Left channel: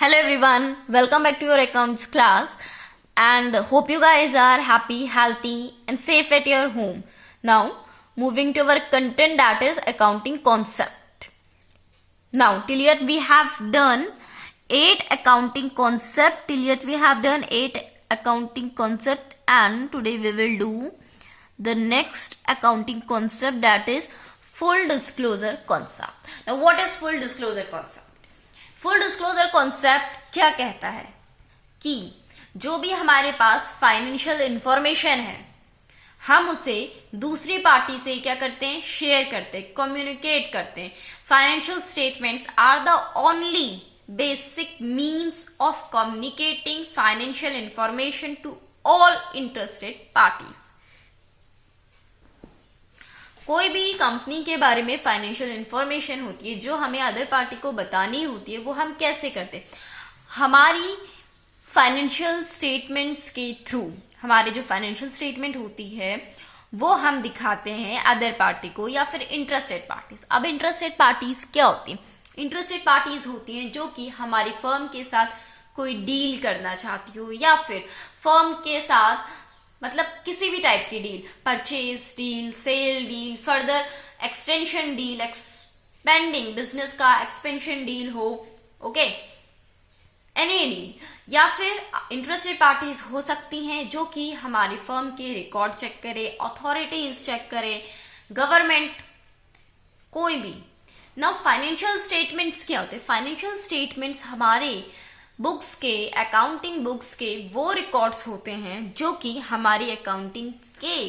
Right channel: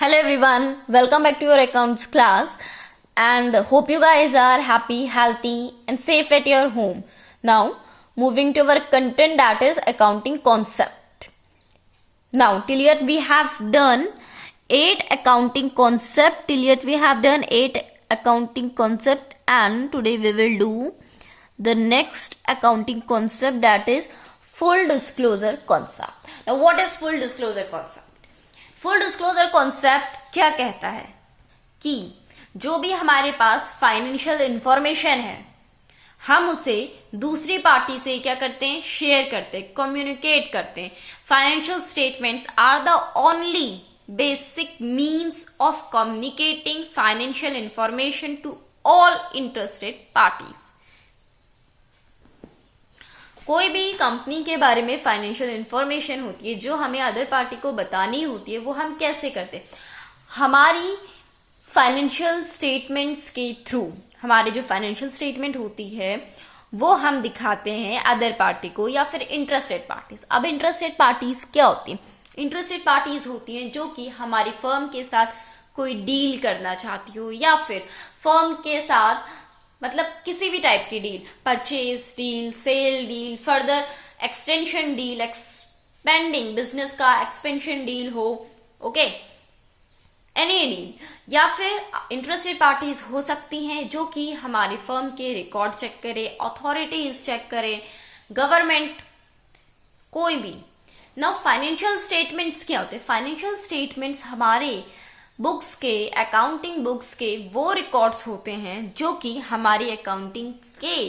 Hello everyone, welcome back to your accounts class and hope you guys are happy, healthy and safe at your home. Now moving to our content, that is accounting concept. Now till yet we have done 8 accounting concept, and today we will do the next accounting concept, that is full disclosure concept. Now what is full disclosure concept? Full disclosure concept क्या कहता है कि जो भी हमारे पास financial information है हम उसे दूसरी पार्टी से क्या करते हैं, शेयर करते हैं, कम्युनिकेट करते हैं. Financial statements are the only basic means of communicating financial information to all interested parties. कोई भी कंपनी के बारे में फाइनेंशियल इंफॉर्मेशन होती है जो हमें अदर पार्टी को बतानी होती है, वो हम कैसे करते हैं? हमारी फाइनेंशियल स्टेटमेंट्स के थ्रू. हमारे जो फाइनेंशियल स्टेटमेंट होती है वो हम दिखाते हैं अदर पार्टी को या फिर इंटरेस्टेड पार्टीज. अब इंटरेस्टेड पार्टीज क्या होती है? इंटरेस्टेड पार्टीज होती हैं जो कि हमारी फर्म के साथ कोई डील करना चाहती हो या फिर फर्म के साथ मतलब किसी भी टाइप की deal, purchase deal, sale deal, further extension deal, expanding business का एक्सपेंशन डील हो, ओके, एनी डील. या फिर इंटरेस्टेड पार्टीज हो सकती हैं जो कि हमारी फर्म के रिकॉर्ड चेक करे, अथॉरिटीज चेक करे, गवर्नमेंट, कोई भी. नाउ फाइनेंशियल स्टेटमेंट्स क्या होते हैं? फाइनेंशियल स्टेटमेंट्स हमारे बुक्स के, अकाउंटिंग बुक्स के वो रिकॉर्ड्स होते हैं जो कि हमारी अकाउंटिंग के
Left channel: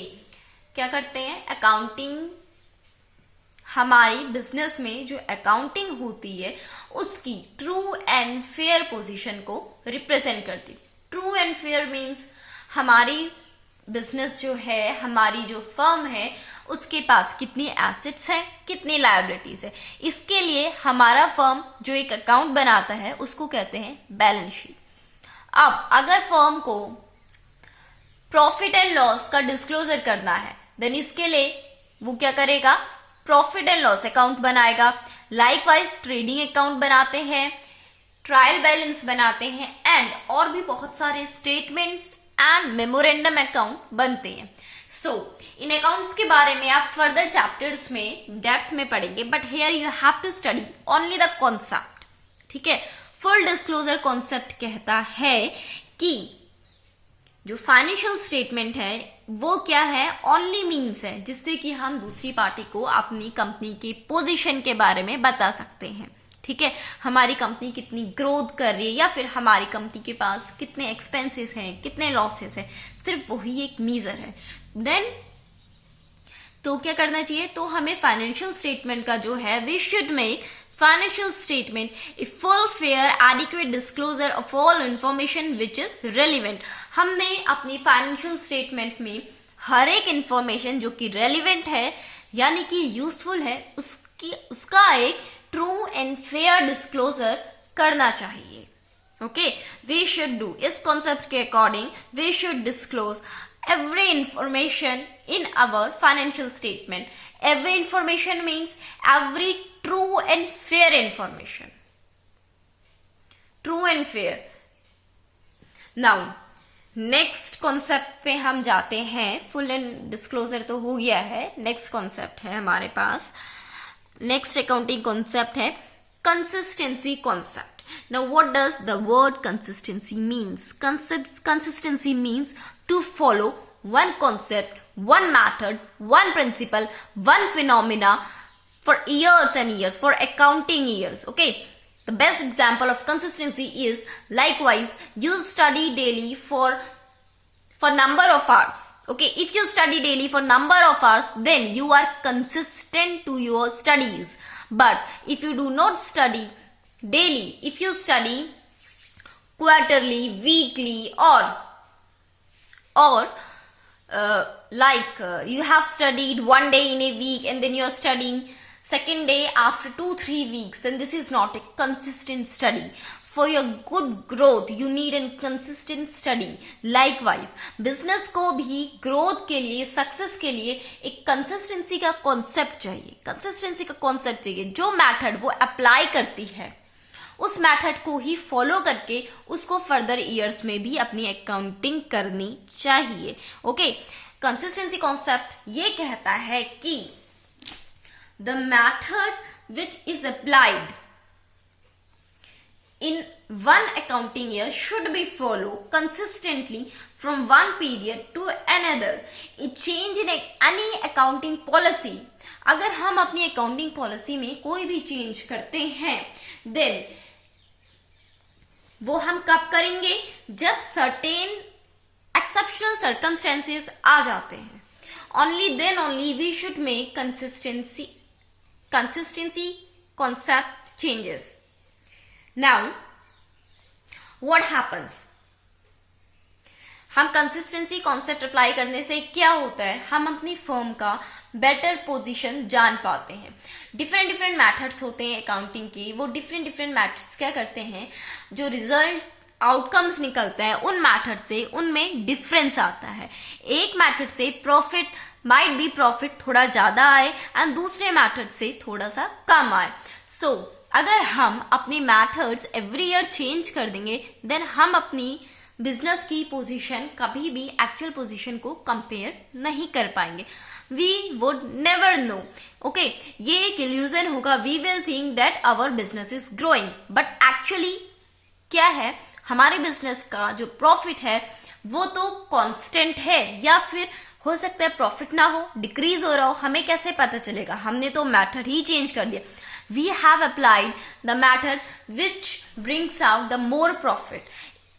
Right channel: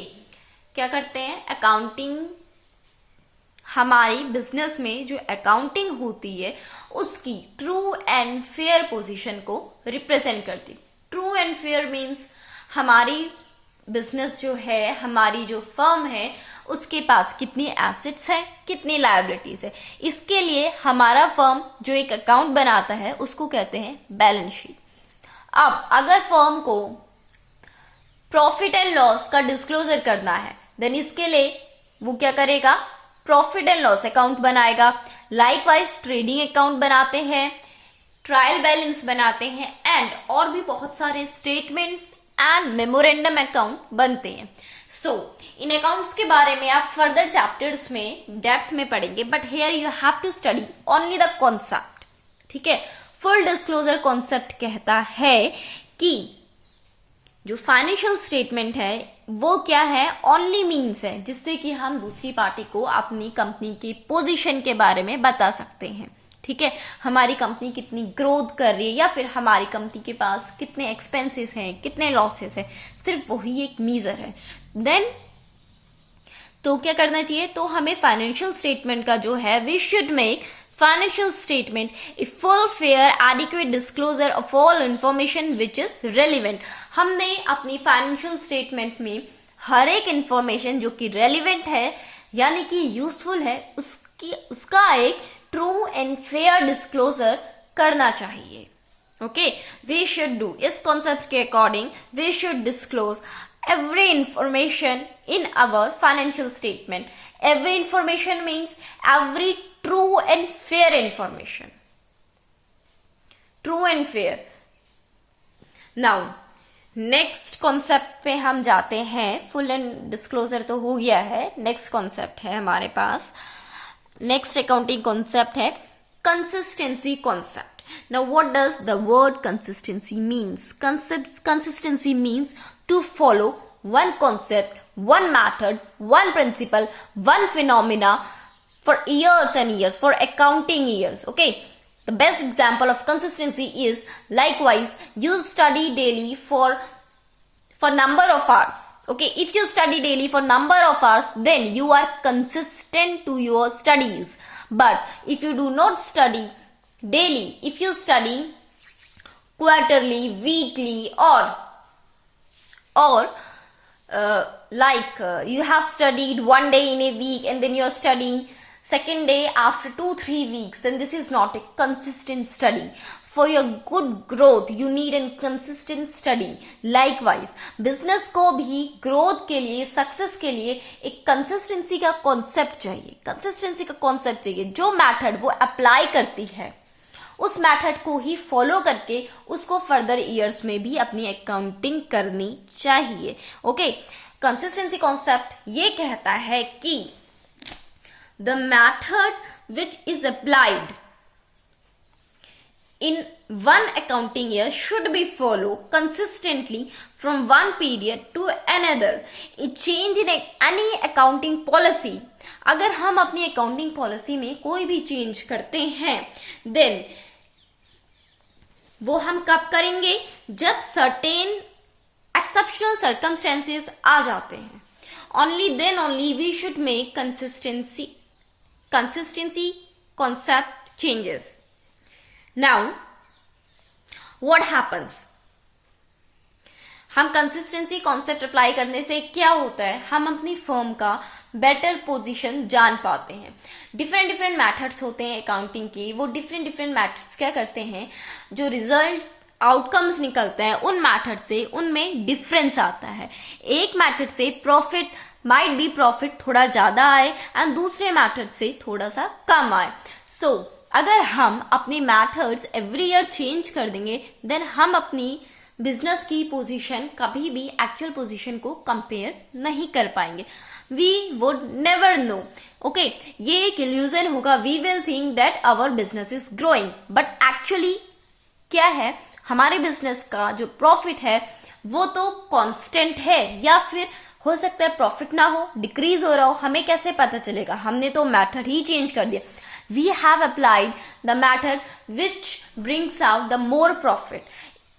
क्या करते हैं, अकाउंटिंग हमारी बिजनेस में जो अकाउंटिंग होती है उसकी ट्रू एंड फेयर पोजीशन को रिप्रेजेंट करती. ट्रू एंड फेयर मीन्स हमारी बिजनेस जो है, हमारी जो फर्म है उसके पास कितनी एसेट्स है, कितनी लायबिलिटीज है. इसके लिए हमारा फर्म जो एक अकाउंट बनाता है उसको कहते हैं बैलेंस शीट. अब अगर फर्म को प्रॉफिट एंड लॉस का डिस्क्लोजर करना है देन इसके लिए वो क्या करेगा, प्रॉफिट एंड लॉस अकाउंट बनाएगा. लाइकवाइज ट्रेडिंग अकाउंट बनाते हैं, ट्रायल बैलेंस बनाते हैं एंड और भी बहुत सारे स्टेटमेंट्स एंड मेमोरेंडम अकाउंट बनते हैं. सो इन अकाउंट्स के बारे में आप फर्दर चैप्टर्स में डेप्थ में पढ़ेंगे, but here you have to study only the concept. ठीक है, फुल डिस्क्लोजर कॉन्सेप्ट कहता है कि जो फाइनेंशियल स्टेटमेंट है वो क्या है, ओनली मीन्स है जिससे कि हम दूसरी पार्टी को अपनी कंपनी की पोजीशन के बारे में बता सकते हैं. ठीक है, हमारी कंपनी कितनी ग्रोथ कर रही है या फिर हमारी कंपनी के पास कितने एक्सपेंसेस हैं, कितने लॉसेस हैं, सिर्फ वही एक मीजर है. देन तो क्या करना चाहिए, तो हमें फाइनेंशियल स्टेटमेंट का जो है, we should make financial statement a full fair adequate disclosure of all information which is relevant. हमने अपनी फाइनेंशियल स्टेटमेंट में हर एक इंफॉर्मेशन जो कि रेलिवेंट है यानी कि यूजफुल है उसका एक ट्रू एंड फेयर डिस्क्लोजर करना चाहिए. ओके, वी शुड डू, इस कॉन्सेप्ट के according we should disclose every information in our financial statement. Every information means every true and fair information. True and fair. Now next concept पे हम जाते हैं. full and disclosure तो हो गया है, next concept है हमारे पास. next accounting concept है consistency concept. Now what does the word consistency means? Consistency means to follow one concept, one method, one principle, one phenomena for years and years, for accounting years. Okay, the best example of consistency is likewise you study daily for number of hours. Okay, if you study daily for number of hours then you are consistent to your studies. But if you do not study daily, if you study quarterly, weekly or you have studied one day in a week and then you are studying second day after 2-3 weeks, then this is not a consistent study. For your good growth you need a consistent study. Likewise business को भी growth के लिए, success के लिए एक consistency का concept चाहिए. consistency का concept चाहिए. जो method वो apply करती है उस मेथड को ही फॉलो करके उसको फर्दर ईयर्स में भी अपनी अकाउंटिंग करनी चाहिए। ओके, कंसिस्टेंसी कॉन्सेप्ट ये कहता है कि the method which is applied in one accounting year should be followed consistently from one period to another. A change in any accounting policy, अगर हम अपनी accounting policy में कोई भी change करते हैं then वो हम कब करेंगे, जब certain exceptional circumstances आ जाते हैं। Only then only we should make consistency concept changes. Now, what happens? हम कंसिस्टेंसी कॉन्सेप्ट अप्लाई करने से क्या होता है, हम अपनी फर्म का बेटर पोजीशन जान पाते हैं। डिफरेंट मेथड्स होते हैं अकाउंटिंग की, वो डिफरेंट मेथड्स क्या करते हैं, जो रिजल्ट आउटकम्स निकलते हैं उन मेथड से उनमें डिफरेंस आता है। एक मेथड से प्रॉफिट माइट बी प्रॉफिट थोड़ा ज्यादा आए एंड दूसरे मेथड से थोड़ा सा कम आए। सो अगर हम अपनी मेथड्स एवरी ईयर चेंज कर देंगे देन हम अपनी बिजनेस की पोजीशन कभी भी एक्चुअल पोजीशन को कंपेयर नहीं कर पाएंगे। We would never know. Okay, ये एक इल्यूजन होगा। We will think that our business is growing, but actually क्या है, हमारे बिजनेस का जो प्रॉफिट है वो तो कांस्टेंट है, या फिर हो सकता है प्रॉफिट ना हो, डिक्रीज हो रहा हो। हमें कैसे पता चलेगा, हमने तो मेथड ही चेंज कर दिया। We have applied the method which brings out the more profit.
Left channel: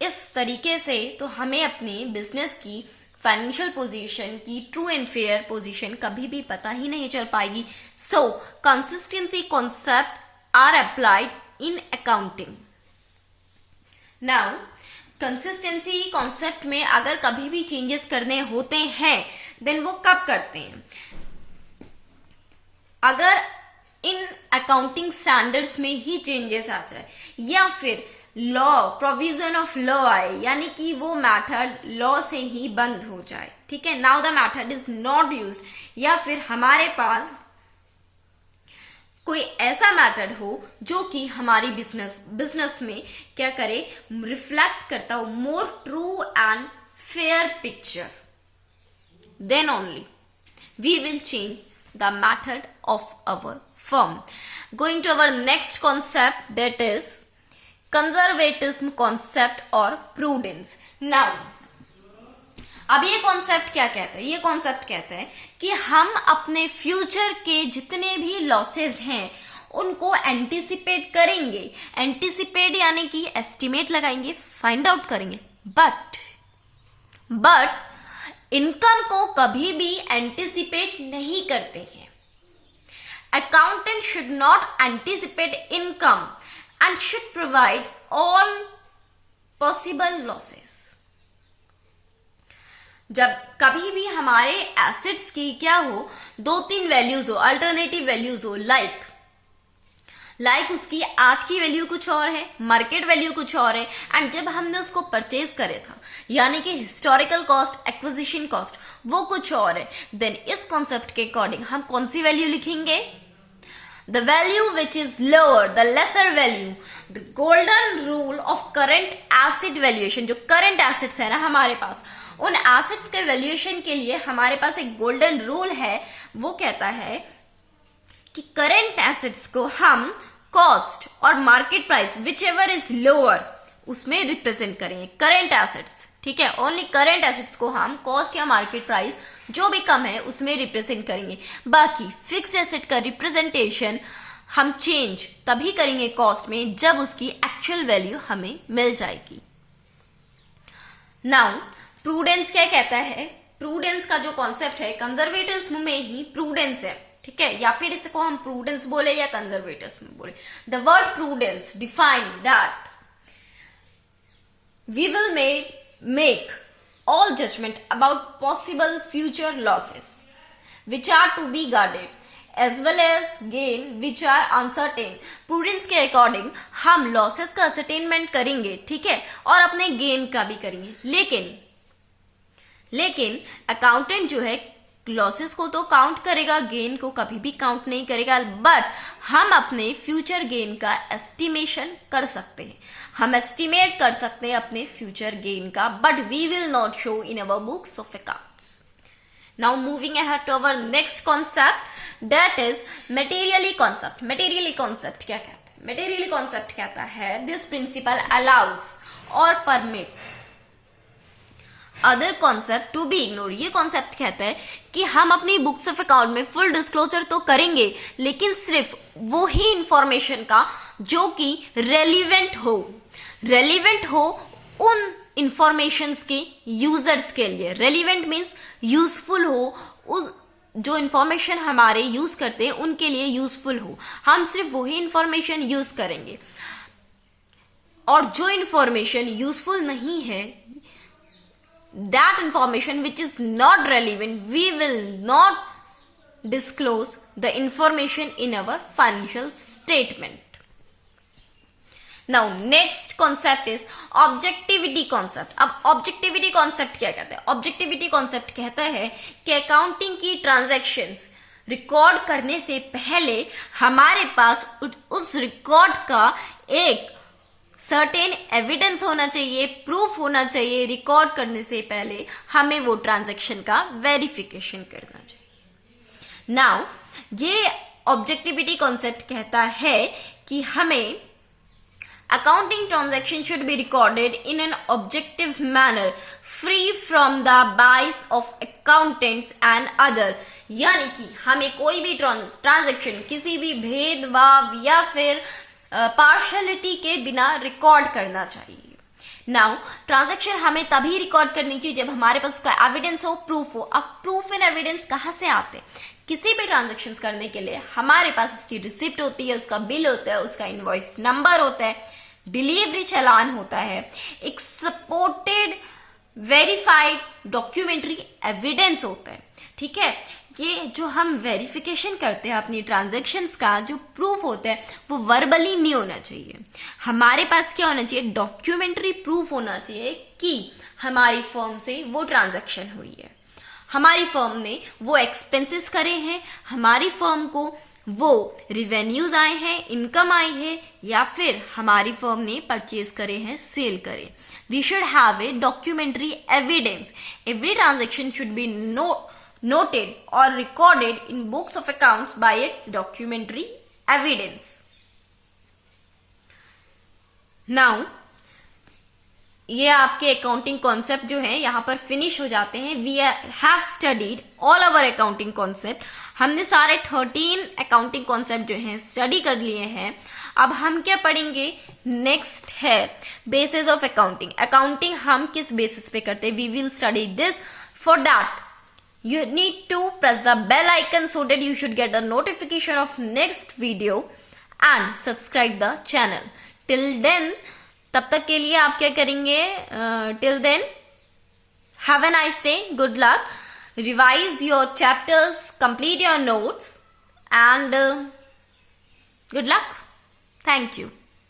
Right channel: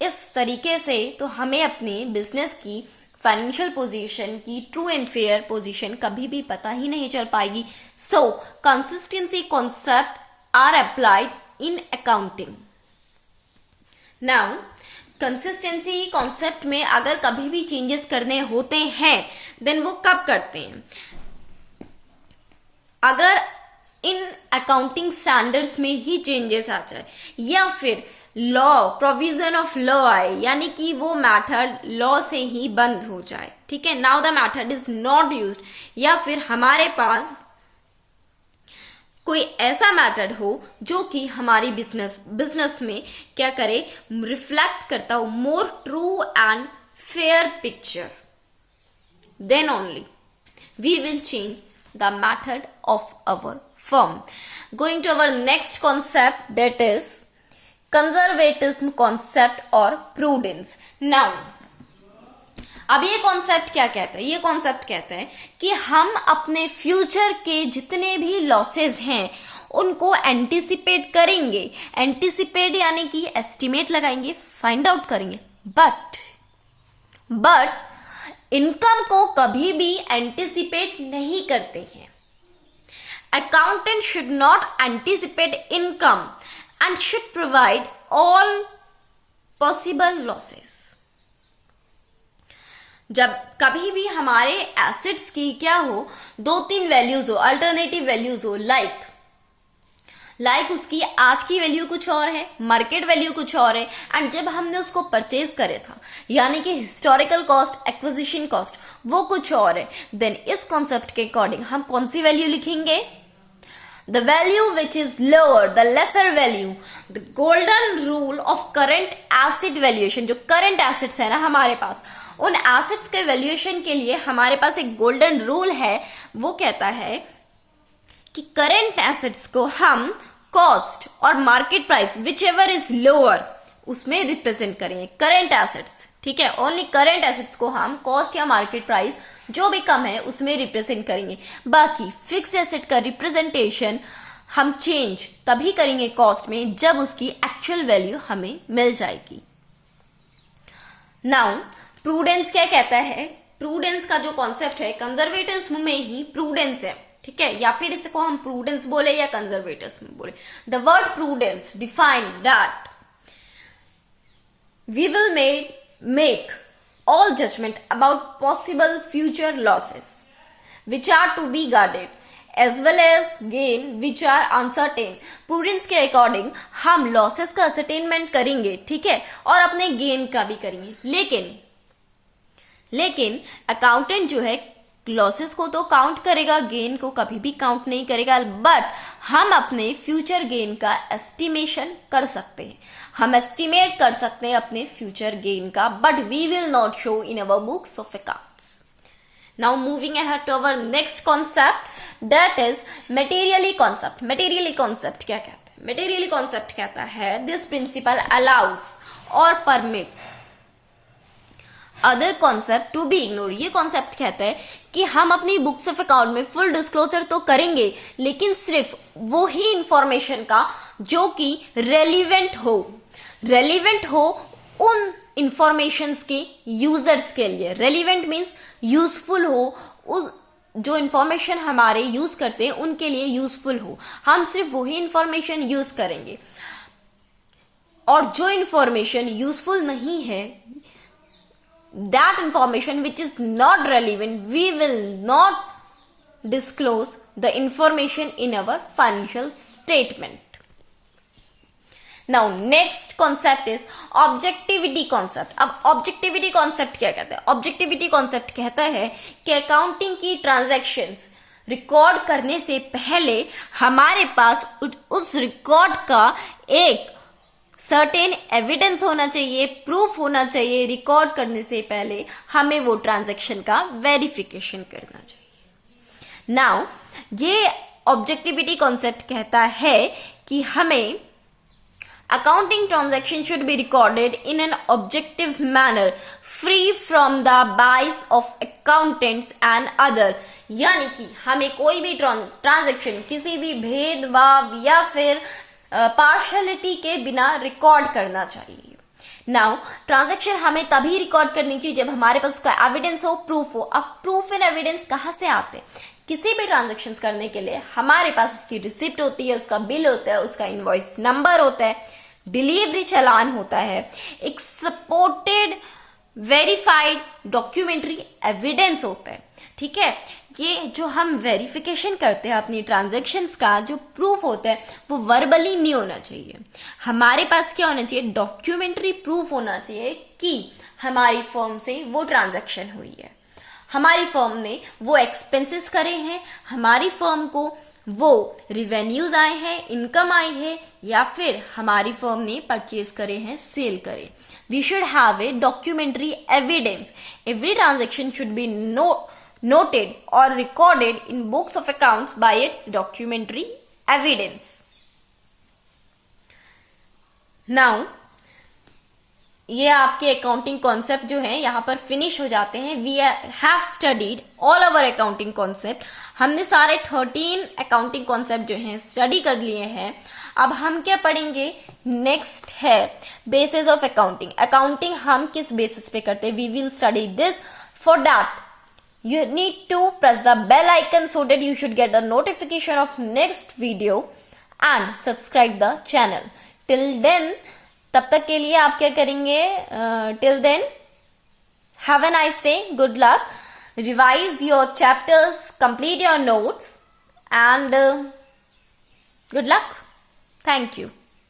इस तरीके से तो हमें अपनी बिजनेस की फाइनेंशियल पोजीशन की ट्रू एंड फेयर पोजीशन कभी भी पता ही नहीं चल पाएगी। So consistency concept are applied in accounting. Now consistency concept में अगर कभी भी चेंजेस करने होते हैं देन वो कब करते हैं, अगर इन अकाउंटिंग स्टैंडर्ड्स में ही चेंजेस आ जाए या फिर लॉ प्रोविजन ऑफ लॉ आए, यानी कि वो मेथड लॉ से ही बंद हो जाए। ठीक है, now the method is not used, या फिर हमारे पास कोई ऐसा मेथड हो जो कि हमारी बिजनेस में क्या करे, रिफ्लेक्ट करता हो more true and fair picture, then only we will change the method of our firm. Going to our next concept, that is conservatism concept or prudence. Now, अब ये कॉन्सेप्ट क्या कहता है, ये कॉन्सेप्ट कहता है कि हम अपने फ्यूचर के जितने भी लॉसेस हैं उनको एंटिसिपेट करेंगे। एंटिसिपेट यानी कि एस्टिमेट लगाएंगे, फाइंड आउट करेंगे, बट इनकम को कभी भी एंटिसिपेट नहीं करते हैं। Accountant should not anticipate income and should provide all possible losses. जब कभी भी हमारे एसेट्स की क्या हो, 2-3 वैल्यूज हो, अल्टरनेटिव वैल्यूज हो, लाइक उसकी आज की वैल्यू कुछ और है, मार्केट वैल्यू कुछ और है, एंड जब हमने उसको परचेज करे था यानी कि हिस्टोरिकल कॉस्ट, एक्विजिशन कॉस्ट वो कुछ और है, देन इस कॉन्सेप्ट के अकॉर्डिंग हम कौन सी वैल्यू लिखेंगे, the value which is lower the lesser value, the golden rule of current asset valuation. जो करंट एसेट्स है ना हमारे पास, उन एसेट्स के वैल्यूएशन के लिए हमारे पास एक गोल्डन रूल है, वो कहता है कि करंट एसेट्स को हम कॉस्ट और market price which ever is lower उसमें रिप्रेजेंट करेंगे। करंट एसेट्स, ठीक है, ओनली करंट एसेट्स को हम कॉस्ट या मार्केट प्राइस जो भी कम है उसमें रिप्रेजेंट करेंगे। बाकी फिक्स्ड एसेट का रिप्रेजेंटेशन हम चेंज तभी करेंगे कॉस्ट में जब उसकी एक्चुअल वैल्यू हमें मिल जाएगी। नाउ प्रूडेंस क्या कहता है, प्रूडेंस का जो कॉन्सेप्ट है कंजर्वेटिव्स में ही प्रूडेंस है, ठीक है, या फिर इसको हम प्रूडेंस बोले या कंजर्वेटिव्स में बोले। The word prudence define that we will make all judgment about possible future losses which are to be guarded as well as gain which are uncertain. prudence के अकॉर्डिंग हम लॉसेस का ascertainment करेंगे, ठीक है, और अपने गेन का भी करेंगे। लेकिन अकाउंटेंट जो है लॉसेस को तो काउंट करेगा, गेन को कभी भी काउंट नहीं करेगा, बट हम अपने फ्यूचर गेन का एस्टिमेशन कर सकते हैं, हम एस्टिमेट कर सकते हैं अपने फ्यूचर गेन का, but we will not show in our books of accounts. Now moving ahead to our next concept, that is materially concept. Materially concept क्या कहता है? मटेरियली कॉन्सेप्ट कहता है दिस प्रिंसिपल अलाउस और permits other concept to be ignore. ये concept कहता है कि हम अपनी बुक्स ऑफ अकाउंट में फुल डिस्क्लोजर तो करेंगे, लेकिन सिर्फ वो ही इंफॉर्मेशन का जो कि रेलिवेंट हो उन इंफॉर्मेशंस के यूजर्स के लिए. रेलिवेंट मीन्स यूजफुल हो, जो इंफॉर्मेशन हमारे यूज करते हैं उनके लिए यूजफुल हो. हम सिर्फ वही इंफॉर्मेशन यूज करेंगे, और जो इंफॉर्मेशन यूजफुल नहीं है, that information which is not relevant, we will not disclose the information in our financial statement. Now next concept is objectivity concept. अब objectivity concept क्या कहता है? objectivity concept कहता है कि अकाउंटिंग की ट्रांजैक्शंस रिकॉर्ड करने से पहले हमारे पास उस रिकॉर्ड का एक सर्टेन एविडेंस होना चाहिए, प्रूफ होना चाहिए. रिकॉर्ड करने से पहले हमें वो ट्रांजैक्शन का वेरिफिकेशन करना चाहिए. नाउ ये ऑब्जेक्टिविटी कॉन्सेप्ट कहता है कि हमें accounting transaction should be recorded in an objective manner free from the बाइस ऑफ अकाउंटेंट्स एंड अदर. यानी कि हमें कोई भी ट्रांजैक्शन किसी भी भेदभाव या फिर पार्शलिटी के बिना रिकॉर्ड करना चाहिए. नाउ ट्रांजैक्शन हमें तभी रिकॉर्ड करनी चाहिए जब हमारे पास उसका एविडेंस हो, प्रूफ हो. अब प्रूफ एंड एविडेंस कहाँ से आते हैं? किसी भी ट्रांजैक्शंस करने के लिए हमारे पास उसकी रिसिप्ट होती है, उसका बिल होता है, उसका इनवॉइस नंबर होता है, डिलीवरी चालान होता है, एक सपोर्टेड वेरीफाइड डॉक्यूमेंट्री एविडेंस होता है. ठीक है, ये जो हम वेरिफिकेशन करते हैं अपनी ट्रांजैक्शंस का जो प्रूफ होता है वो वर्बली नहीं होना चाहिए. हमारे पास क्या होना चाहिए? डॉक्यूमेंट्री प्रूफ होना चाहिए कि हमारी फर्म से वो ट्रांजैक्शन हुई है, हमारी फर्म ने वो एक्सपेंसेस करे हैं, हमारी फर्म को वो रिवेन्यूज आए हैं, इनकम आई है, या फिर हमारी फर्म ने परचेज करे हैं, सेल करे. We should have a documentary evidence. Every transaction should be noted or recorded in books of accounts by its documentary evidence. Now, ये आपके अकाउंटिंग कॉन्सेप्ट जो है यहाँ पर फिनिश हो जाते हैं. We have studied all our accounting concept. हमने सारे 13 अकाउंटिंग कॉन्सेप्ट जो हैं स्टडी कर लिए हैं. अब हम क्या पढ़ेंगे? नेक्स्ट है बेसिस ऑफ अकाउंटिंग. अकाउंटिंग हम किस बेसिस पे करते हैं? We will study this. For that you need to press the bell icon so that you should get a notification of next video and subscribe the channel. Till then, तब तक के लिए आप क्या करेंगे? Till then, have a nice day. Good luck. Revise your chapters, complete your notes, and good luck. Thank you.